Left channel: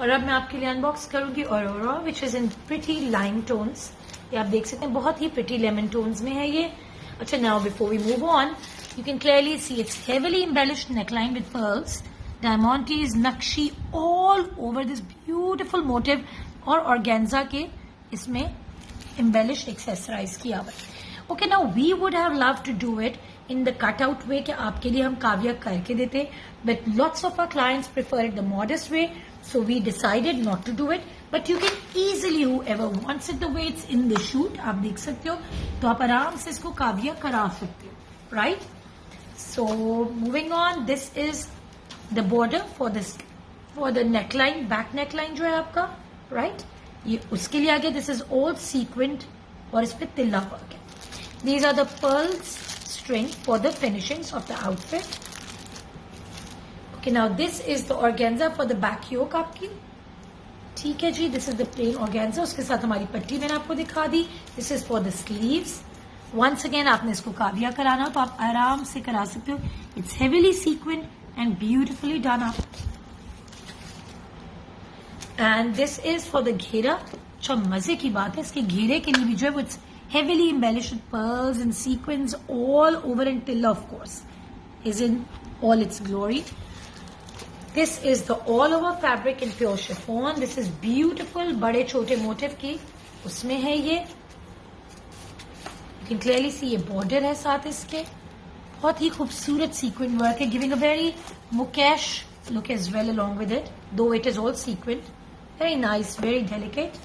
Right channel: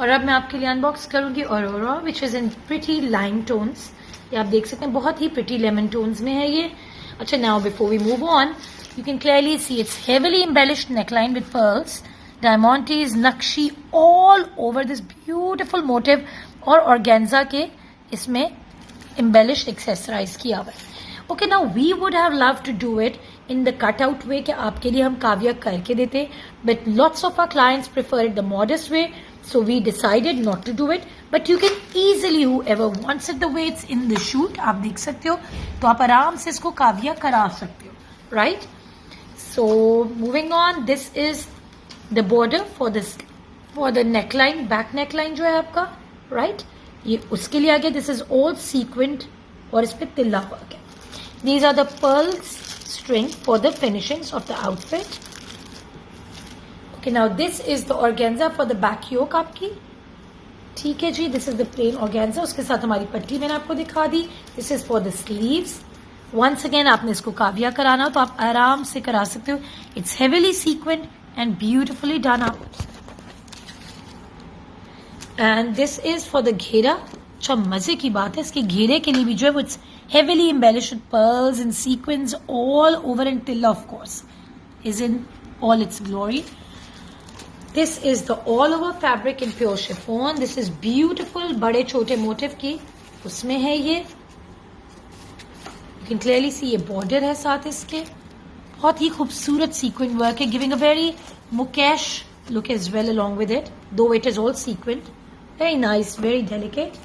और अब मैं आपके लिए अनबॉक्स करूंगी Aurora which is in pretty lime tones. ये आप देख सकते हैं बहुत ही प्रिटी लेमन टोन्स में है ये। अच्छा, now before we move on, you can clearly see it's heavily embellished neckline with pearls, diamantes, nakshi all over this beautiful motif और organza के इसमें embellished accessorize किया हुआ। Okay, now we would have loved to do it in the cutout way कि आपके लिए हम काव्या करके देते, but lots of our clients prefer it the modest way, so we decided not to do it. But you can easily, whoever wants it the way it's in the shoot, आप देख सकते हो, तो आप आराम से इसको काव्या करा सकते हो, right? So moving on, this is the border for this, for the neckline, back neckline जो है आपका, right? ये उसके लिए आगे this is all sequined और इस पे तिल्ला वर्क है। These are the pearls string for the finishings of the outfit. Okay, now this is the organza for the back yoke आपकी, ठीक है जी। This is the plain organza, उसके साथ हमारी पट्टी मैंने आपको दिखा दी। This is for the sleeves. Once again, आपने इसको काव्या कराना तो आप आराम से करा सकते हो। It's heavily sequined and beautifully done up. And this is for the घेरा। अच्छा, मजे की बात है, इसके घेरे के लिए भी जो है it's heavily embellished with pearls and sequins all over, and tilla of course is in all its glory. This is the all over fabric in pure chiffon. This is beautiful, बड़े छोटे मोटिव की उसमें है ये। You can clearly see ये border है साथ इसके, बहुत ही खूबसूरत सीक्वेंट वर्क है, giving a very mukaish look as well along with it, though it is all sequined. Very nice, very delicate.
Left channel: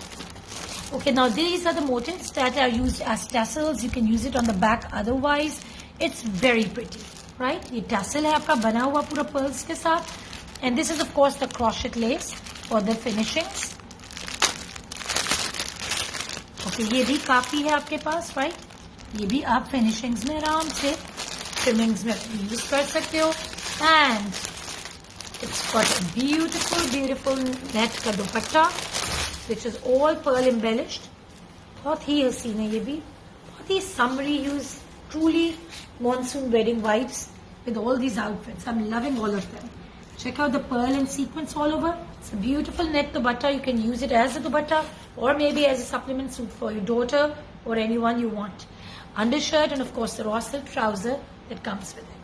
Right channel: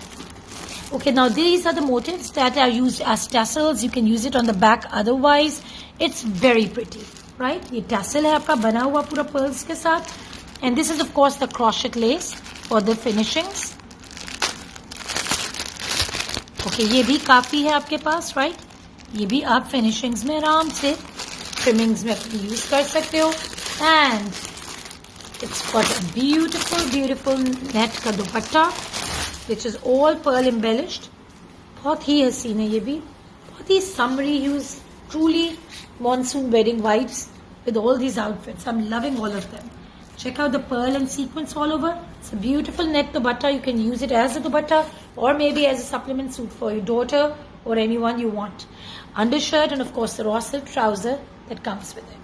Okay, now these are the motifs that are used as tassels. You can use it on the back otherwise. It's very pretty, right? ये tassel है आपका बना हुआ पूरा pearls के साथ. And this is of course the crochet lace for the finishings. Okay, ये भी काफी है आपके पास, right? ये भी आप फिनिशिंग्स में आराम से ट्रिमिंग्स में यूज कर सकते हो। And it's got a beautiful beautiful net का dupatta which is all pearl embellished, बहुत ही हसीन है ये भी, बहुत ही summery hues, truly monsoon wedding vibes with all these outfits. I'm loving all of them. Check out the pearl and sequins all over. It's a beautiful net dupatta. You can use it as a dupatta or maybe as a supplement suit for your daughter or anyone you want. Undershirt and of course the raw silk trouser that comes with it.